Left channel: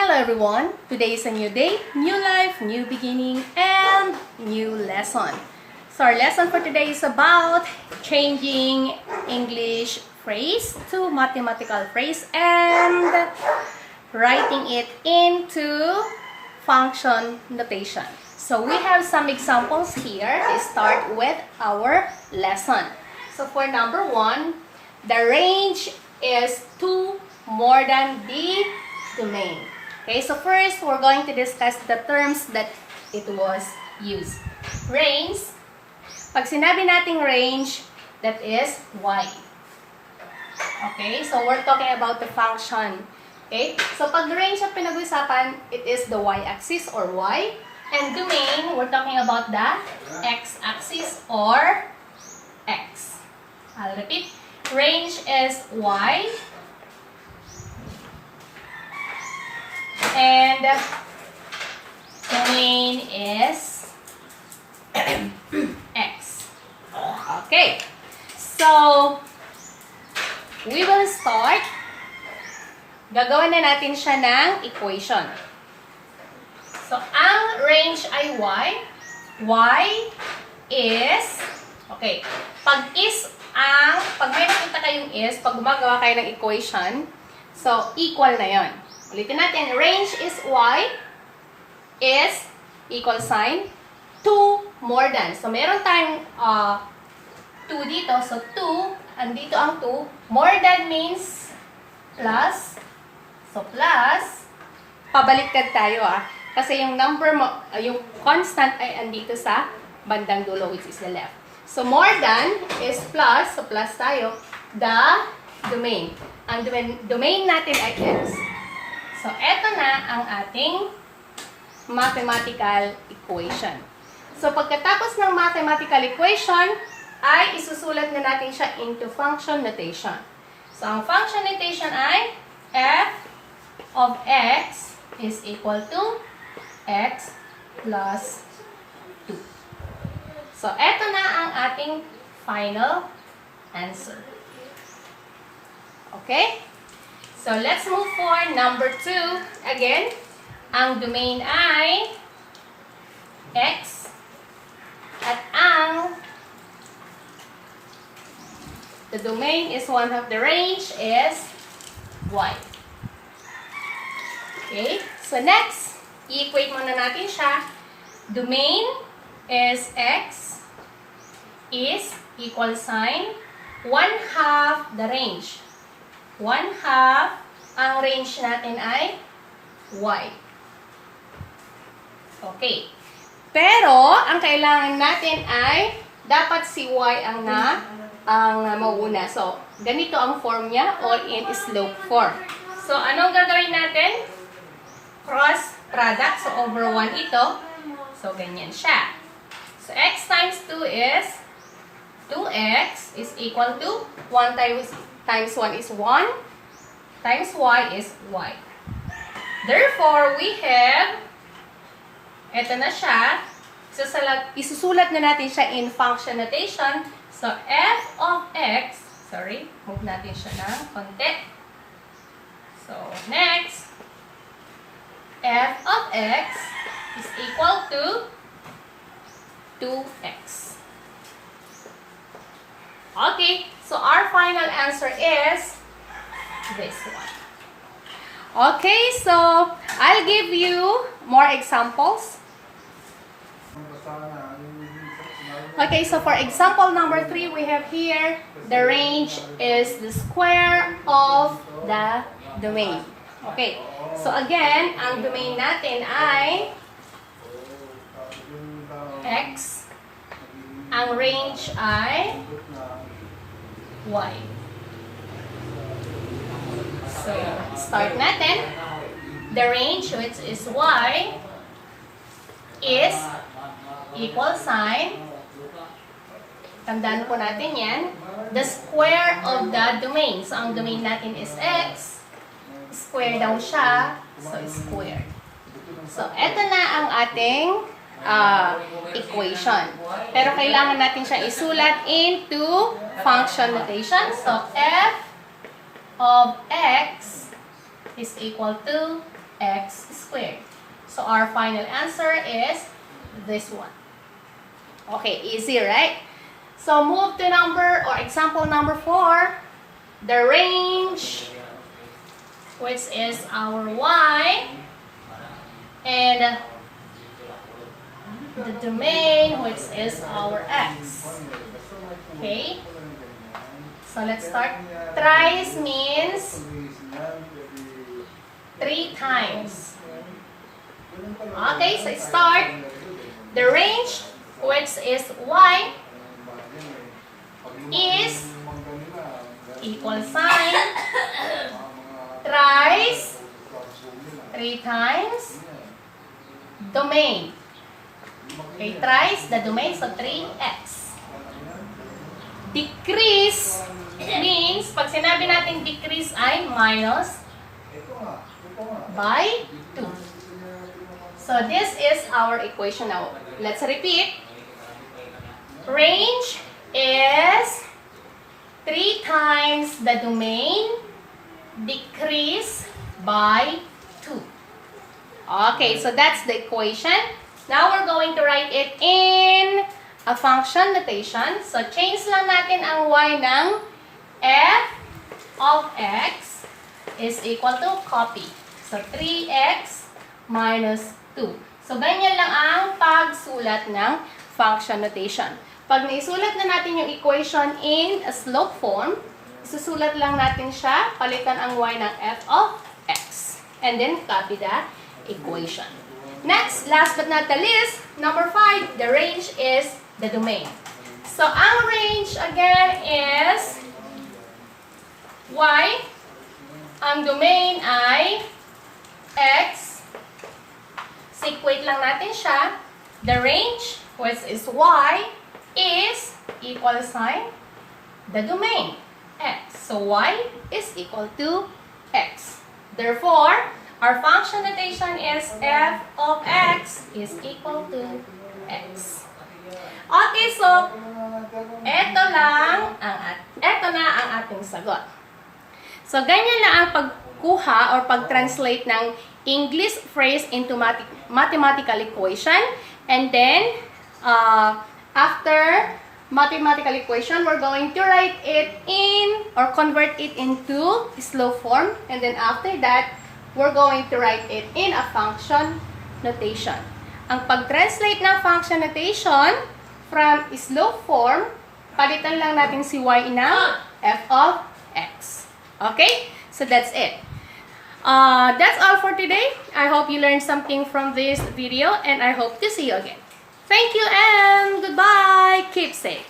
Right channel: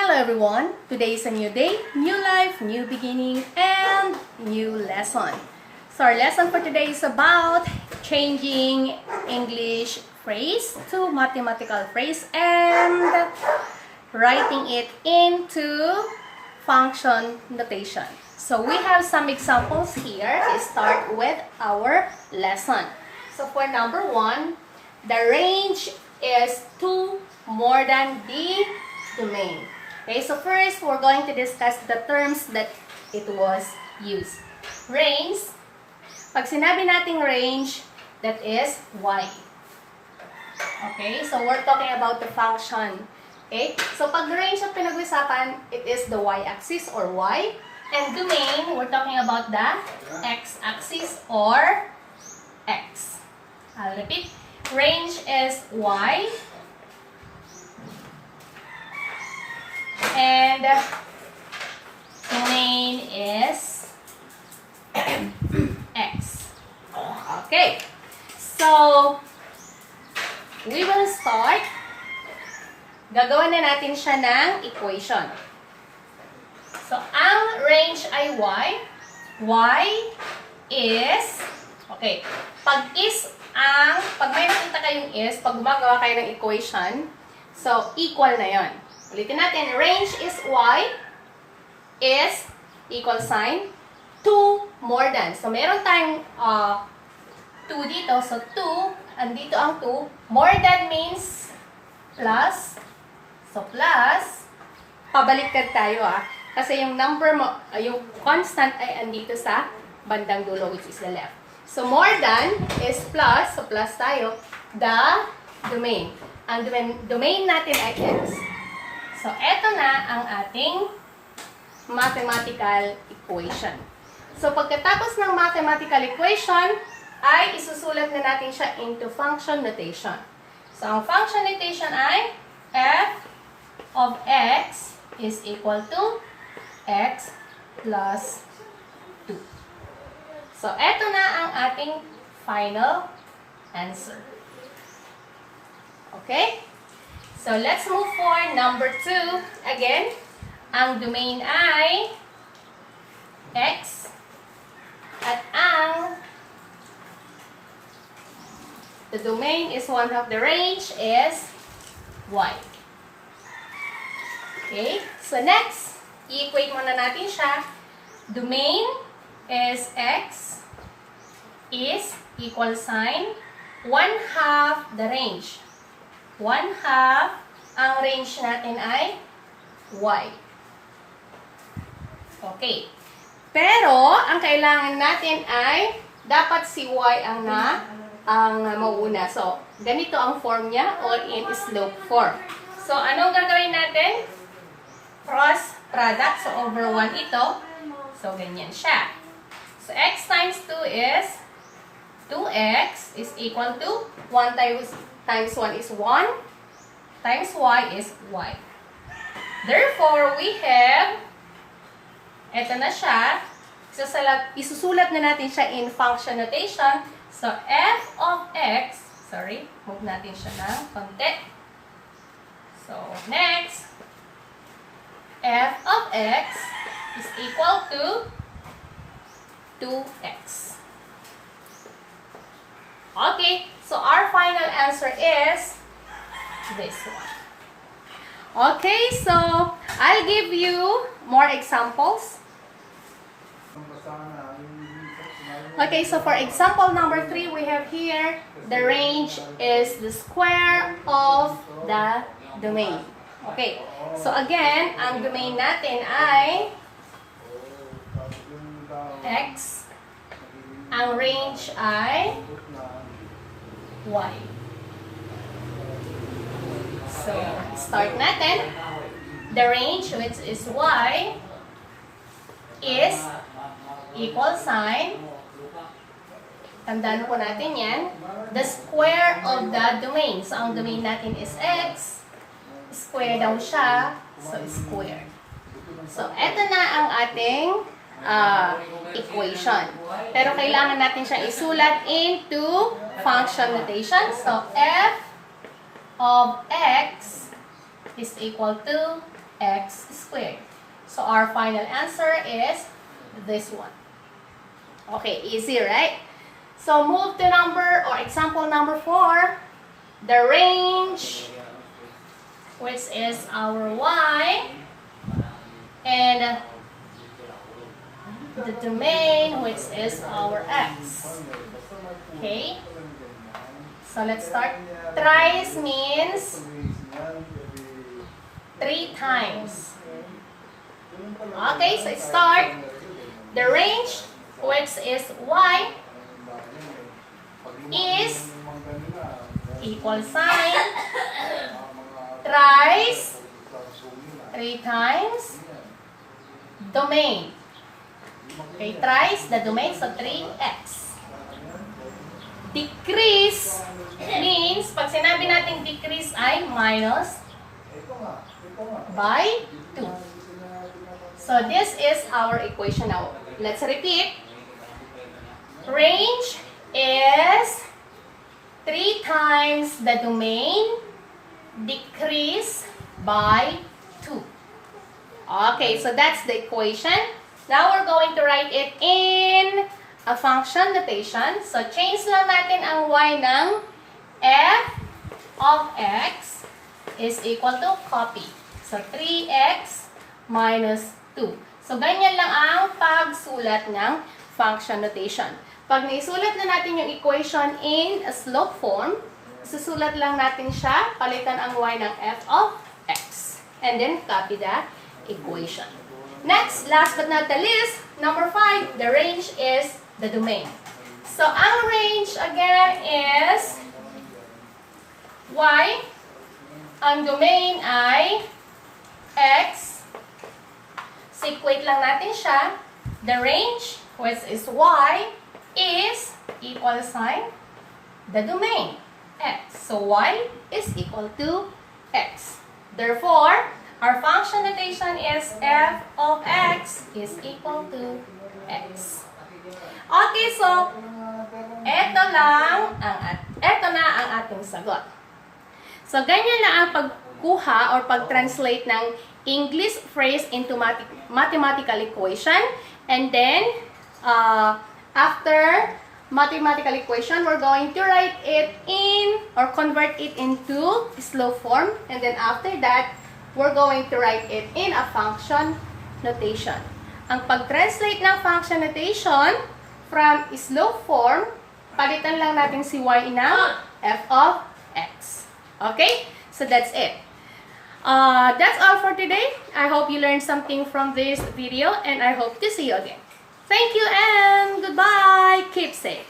Hello everyone! Today is a new day, new life, new beginning, and new lesson. So our lesson for today is about changing English phrase to mathematical phrase and writing it into function notation. So we have some examples here to start with our lesson. So for number 1, the range is 2 more than the domain. Okay, so first we're going to discuss the terms that it was used. Range, pag sinabi nating range, that is y. Okay, so we're talking about the function. Okay, so pag range ang pinag-usapan, it is the y-axis or y. And domain, we're talking about the x-axis or x. I'll repeat. Range is y. And domain is x. Okay. So, we will start. Gagawin na natin siya ng equation. So, ang range ay y. Y is, okay, pag may nakita kayong is, pag gumagawa kayo ng equation, so, equal na yon. Ulitin natin, range is y, is, equal sign, 2 more than. So, meron tayong 2 dito. So, 2, andito ang 2. More than means plus. So, plus, pabaliktad tayo Kasi yung number mo, yung constant ay andito sa bandang dulo, which is the left. So, more than is plus. So, plus tayo. The domain. Ang domain natin ay x. So, eto na ang ating mathematical equation. So, pagkatapos ng mathematical equation, ay isusulat na natin siya into function notation. So, ang function notation ay f of x is equal to x plus 2. So, eto na ang ating final answer. Okay? So, let's move for number 2. Again, ang domain ay x at the domain is one of the range is y. Okay? So, next, i-equate muna natin siya. Domain is x is equal sign 1/2 the range. 1/2, ang range natin ay y. Okay. Pero, ang kailangan natin ay, dapat si y ang mauna. So, ganito ang form niya, all in slope form. So, anong gagawin natin? Cross product. So, over 1 ito. So, ganyan siya. So, x times 2 is 2x is equal to 1 times 1 is 1, times y is y. Therefore, we have, eto na siya, isusulat na natin siya in function notation. So, f of x, move natin siya ng konti. So, next, f of x is equal to 2x. Okay, so our final answer is this one. Okay, so I'll give you more examples. Okay, so for example number 3, we have here, the range is the square of the domain. Okay, so again, ang domain natin ay x. Ang range ay y. So, start natin. The range, which is y, is equal sign. Tandaan po natin yan. The square of the domain. So, ang domain natin is x. Square daw siya. So, square. So, eto na ang ating equation. Pero kailangan natin siya isulat into function notation. So, f of x is equal to x squared. So our final answer is this one. Okay, easy, right? So move to example number 4. The range, which is our y, and the domain, which is our x. Okay? So let's start. Thrice means 3 times. Okay, so start. The range, which is y, is equal sign thrice 3 times domain. Okay, thrice the domain, so 3x. Decrease means, pag sinabi natin decrease ay minus by 2. So this is our equation now. Let's repeat. Range is 3 times the domain, decrease by 2. Okay, so that's the equation. Now we're going to write it in a function notation. So change lang natin ang y ng f of x is equal to copy. So 3x minus 2. So ganyan lang ang pagsulat ng function notation. Pag naisulat na natin yung equation in a slope form, susulat lang natin siya, palitan ang y ng f of x. And then copy the equation. Next, last but not the least, number 5, the range is the domain. So ang range again is y. Ang domain ay x. So equate lang natin siya. The range, which is y, is equal sign the domain x. So y is equal to x. Therefore, our function notation is f of x is equal to x. Okay, so eto na ang ating sagot. So ganyan na ang pagkuha or pag-translate ng English phrase into mathematical equation, and then after mathematical equation, we're going to write it in or convert it into slope form. And then after that, we're going to write it in a function notation. Ang pag-translate ng function notation from slope form, palitan lang natin si y ng f of x. Okay? So that's it. That's all for today. I hope you learned something from this video, and I hope to see you again. Thank you and goodbye. Keep safe.